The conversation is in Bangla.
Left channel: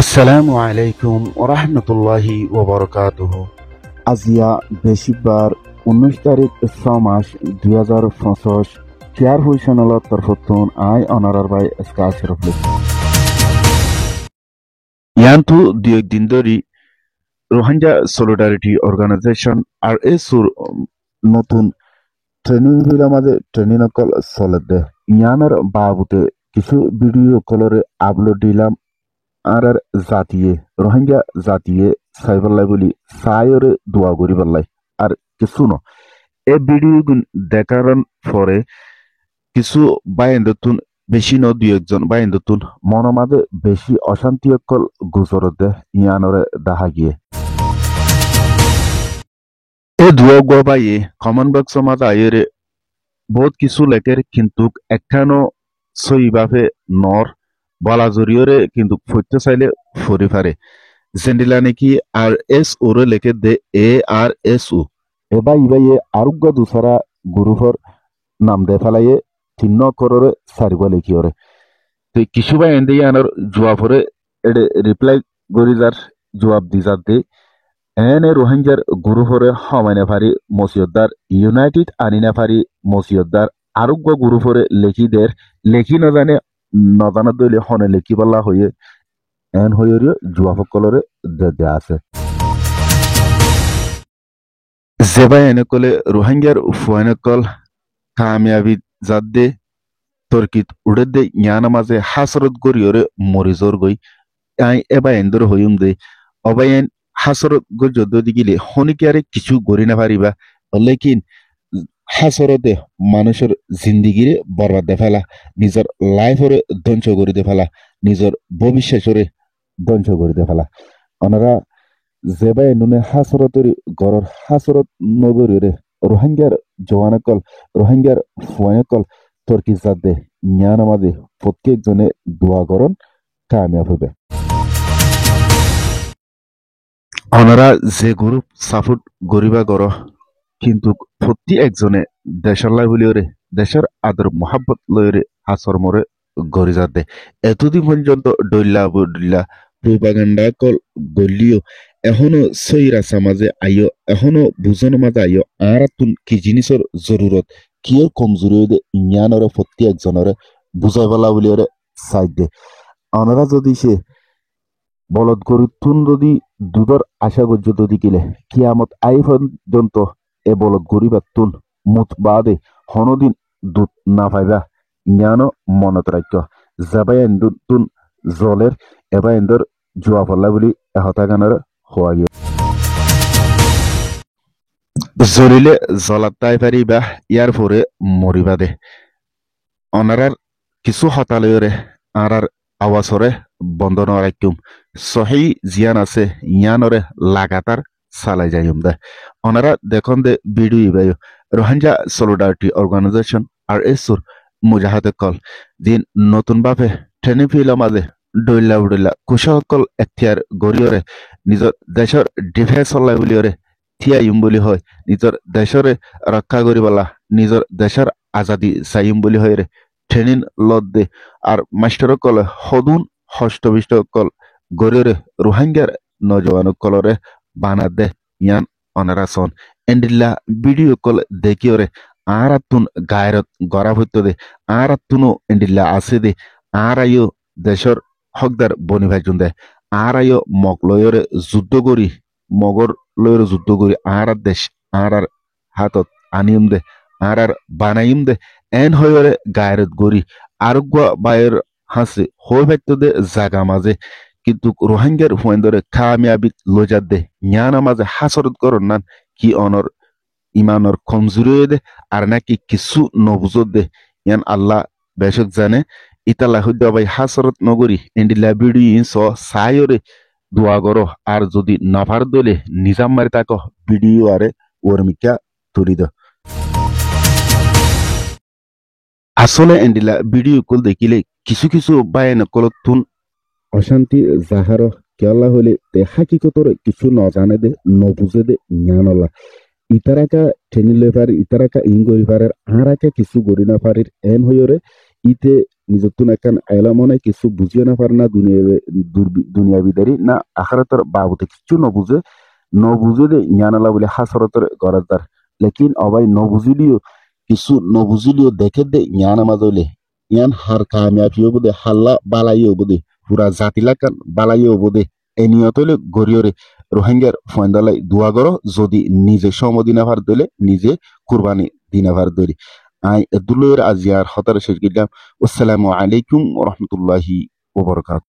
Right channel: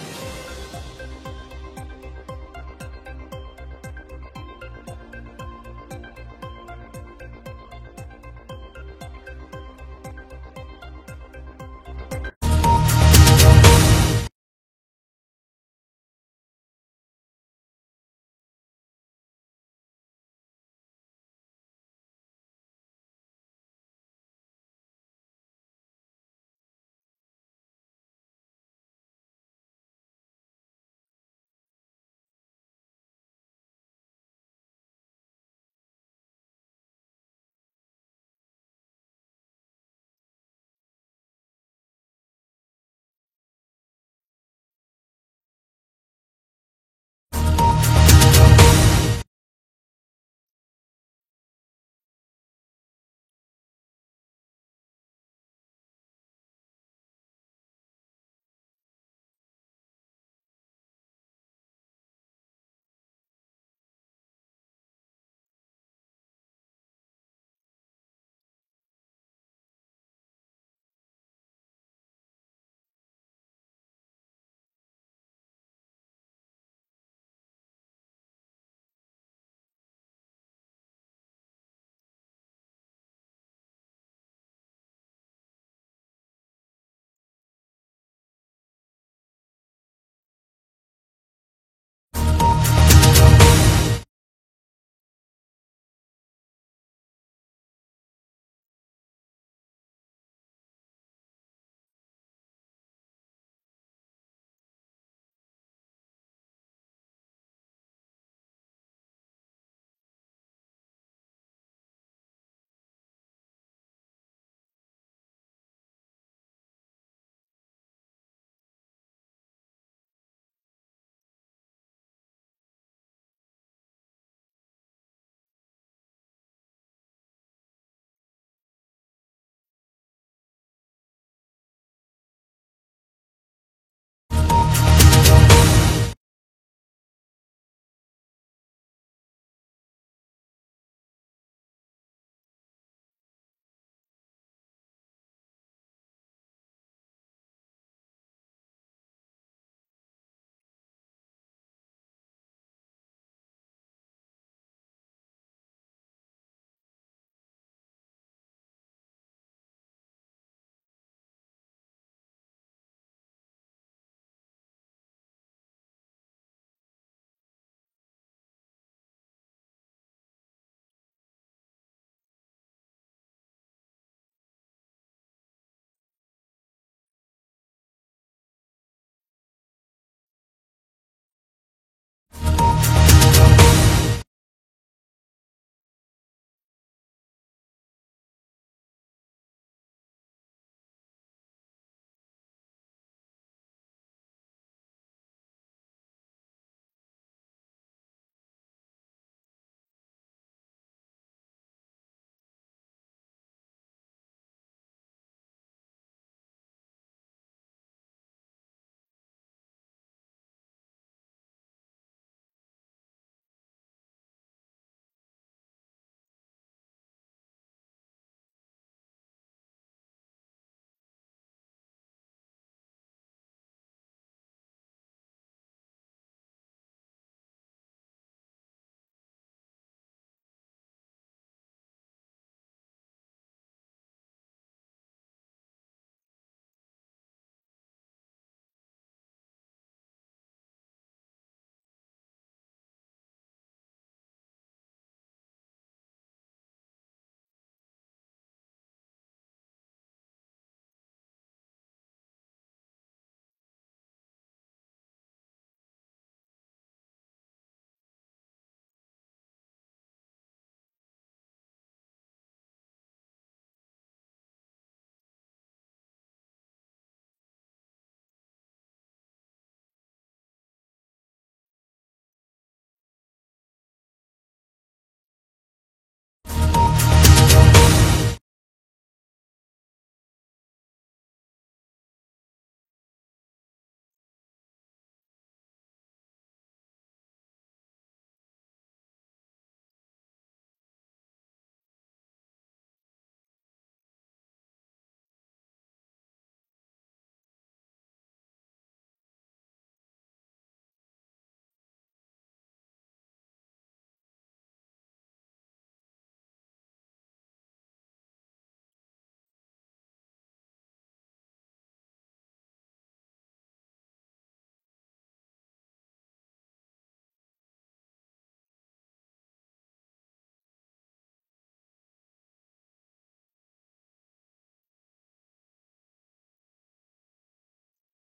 আসসালামু আলাইকুম ওরহমতুল্লাহি ওবরকাতুহ। আজিয়া বেশিকবার 19 তারিখ 6 মাস 2025 চেয়ার হুইশনালত তরফতুন আই অনারার বাই স্কাসির ইয়ান্তু দুই দিন ধরি রোহিঙ্গা সলিডারিটি অর্গানাইজেশন আর এসুর নতুন ট্রেনিং বিলা মাঝে ট্রেনিং অকল চলে ইয়ানার বাবুতে কিছু ভিডিও কলরে আপলোড দিলাম আর জাতিয়ে রোহিঙ্গা জাতিয়ে সাইবাল্লাই বলি সায়রে দোয়া করি পাল্লাই আর কিছু ন এ ভিডিও দেখার পরে কিছু বাইন্দতুন বেশি ন দুই একজন বাইন্দতুন মনের মাঝে বেশি অশান্তি অকল গুজর দে ইয়ানরে দেখা গিয়ে এ দুয়া গো বাইয়ে কমন বক্স মাঝে আইরে বহুত কিছু লেখের কিন্তু একখানো সইভাবে নর বলা জরিয়রে কিন্তু ফুটতে চাইলে ফুরি পারে জেন্ডিলা নাকি আর এস ওরে লেখে দে ARSU এবার ইবাইয়ে আরোগ্য দুসরা গ্রুপর নাম দে ফেলাইয়ে তিন্ন কররে সারিব লেখিওরে তো কিছু বা এন্ডে আনার জবাবরে এডে রিপ্লাই গরি যার জবাব দি যার দে এনে রোহিঙ্গার গ্রুপরে হমাইনা ফারি মসিয়দ্দার ইউনাইটেড আনিনা ফারি মসিয়দ্দার আরোগ্য গ্রুপরে লেখি দের লেখি নজানে নজানা দলে হনে লেখি বলা হয়ে এন হয়ে জুয়াফকলরে দে আছে জেবাই এনেকলে রোহিঙ্গার ফুয়ানকল কামিয়াবি জাদে তর্কিত উড়ে জ্ঞানা মাঝে হাসরত গরিয়রে মরিজর গই আই এবা এন্দর হইম দে অবায়ন হাসরত গো যদি গিলে হনিকারে কিছু গরি না পারিবা লেকিন হাসরতে মানুষের জিন্দিগিরে বরবাদ দে ফেলা নিজের লাইফরে ধ্বংস করে দে ফেলা নিজের ভবিষ্যৎরে ধ্বংস করে দে ফেলা ওনারা জেবাই নুনে হাসরতরি গরর হাসরত নগরীরে রোহিঙ্গার জওয়ানকল রোহিঙ্গার ফুয়ানকল তর্কি জাদে জ্ঞান আমাদে প্রত্যেকজনে দোয়া করন কামিয়াব হবে ওনারা যে গ্রুপ সাপোর্ট গরিবা গর কিন্তু প্রতি একজনে দেশের লাই বলিওরে দেশের আদর মহাব্বত লয়রে আসর মরে গড়ি যাতে এতদিন পর্যন্ত ডইল্লা প্রোপাগান্ডা কল গলিও এখনো সইরা সমাজে আইও এখনো বুঝন মাঝে আইও আর তুন কি জিনিসের জরুরত কিয়র কমজোরি দে জ্ঞানরে প্রতি একজনরে বুঝাই বলা বলিওরে সাইড দে অনারা যদি সে বলদ গরু তুন যদি দুধর আশা গজ্য যদি কিলে কিয়ামত আই পর্যন্ত এ বলদ গরি বা তুন মুত বাদে হনদিন দুধ না পাইবা জ্ঞান মনত রাখ্য যাবাই তুন জলের এবার এন্দর জুয়া ফল্লা বলি এহতা গানের হওয়া গিয়ে জ্বলিলে জ্বলাতাই পারিবা ইয়ার পরে মরিবা দে অনারার কিছু হতালয়রে আর আওয়াজরে বন্ধ নরাইকুম সহি জিয়ান আছে ইয়ানরে লাগাতার চালাই যাইম দে ওনারা দেখুন দে ভিডিও ইবাই রোহিঙ্গা সলিডারিটি অর্গানাইজেশন আর এসুর মুজাহাদে কল দিন নতুন ভাবে ট্রেনিং ফিল মাঝে ডইলা কুশকল এখতিয়ার গরিয়রে নিজের দেশের ডিফেন্স হলাই বলিয়রে থিয়াইম বলি হয় নিজের দেশরে রক্ষা করিবলা নিজের দেশের আজাদি চাইম বলি হয় রে ট্রেনিং লত দে আর মাস্টার কল হদুন হষ্টবিষ্ট কল গরিয়রে রোহিঙ্গার নজওয়ান কলরে বানা দে ইয়ান অনারাসন এন্ডিল্লা ভিডিও কল দেখিওরে আরাতুন গায়রত গড়া হইতো দে আরাতুনো এন্ডিল্লা আছে দে আরাইও দেশর হকদার বনি ভাইজুন দে আরাইও মক লয়রে যুদ্ধ করি মগর লয়রে যুদ্ধ করি আর দেশ আর হাতত আনিম দে আর বানাইম দে এন হয়রে গায়রত গরি আরোগ্য বায়ের হাসে হই ভাইতো দে জাগা মাঝে কিন্তু রোহিঙ্গার হুয়েন্দরে কামিয়াবি লজাত দে জ্ঞানা মাঝে হাসরত করন নান কি অনর ইমানর কমজোরি দে আর নাকি কিছু নবুজত দে ইয়ান আল্লাহ বেশক জানে ইতালা হইদ ভাই হাসরত নগরী এন্ডিলা বিডি ইনস সায়রে দোয়া করো আর যদি নাফার দলে নিজাম মারি তাক ভিডিও আরে ওরমিকা তুলি দ আসলে এন্ডিলা ভিডিও কল দেখিলে কিছু কিছু বায়ন কলতুন অশান্তি জাহার কেলা হলে তে হাকিকতর কিছু নজানে দে নবুঝে দে জ্ঞানলা ইতারাকা ঠেনিলে পারি ইতারাকা ইং গরি পারের আরাকা কিছু গরি না পারির এন হইরে ইতে নিজত্তুন একান এলামনে কিছু বুঝিয়ে না পারে না দুনিয়াবিদারি না আখারাতর বাবুতে কিছু নবুঝে নবুঝে দে ইয়ানালা বলে হাসরতর গরাদার লেকিন অবাই নবুঝিলিও কিছু নবুঝিলিও দেখে দে ইয়ানা মাজলে ইয়ান হার কামিয়াবি হবদে হাল্লা বালাই হবদে পুরা জাতিলাকান বালাই হবদে এনিয়তলে গরিয়রে রোহিঙ্গার ফয়ন্দালাই দোয়া করো যদি নিজে সমদিনা ভার দিলে নিজে কুরবানি দিনা ভার ধরি আই দুলয়ের আজিয়ার হতার শেষ গিলাম আসসালামু আলাইকুম ওয়া রাহমাতুল্লাহি ওয়া বারাকাতুহু